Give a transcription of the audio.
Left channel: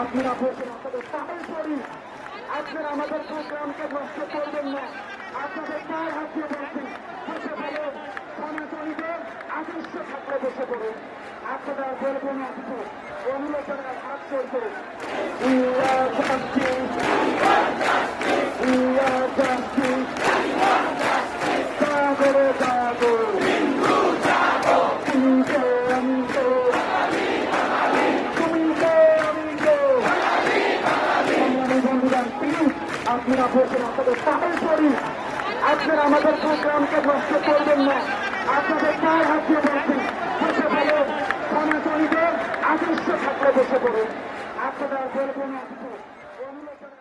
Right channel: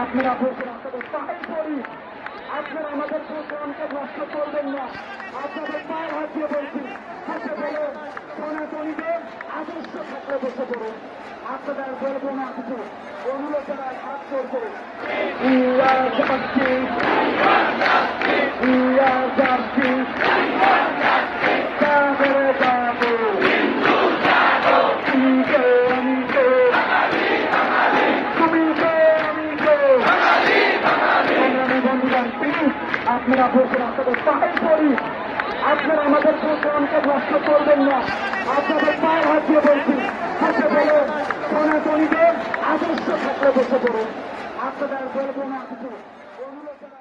আপনারা বলছেন আপনাদের পাহাড় করি, আপনারা আমাদের সংগ্রামকে নষ্ট করবেন না। আপনাদের পায়ের হাত দিয়ে বলছি, বসে বলে সনাতনীদের আদর্শ থাকলে বসে পড়ুন। আপনারা বলবো না কিছু, অনুলোচনার হাত করবে। আপনারা বলছেন আপনাদের পাহাড় করি, আপনারা আমাদের সংগ্রামকে নষ্ট করবেন না। আপনাদের পায়ের হাত দিয়ে বলছি, বসে বলে সনাতনীদের আদর্শ থাকলে বসে পড়ুন। আপনারা বলবো না কিছু, অনুলোচনা